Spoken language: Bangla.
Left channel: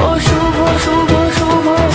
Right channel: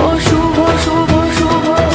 ও শুভ শুভ শুভ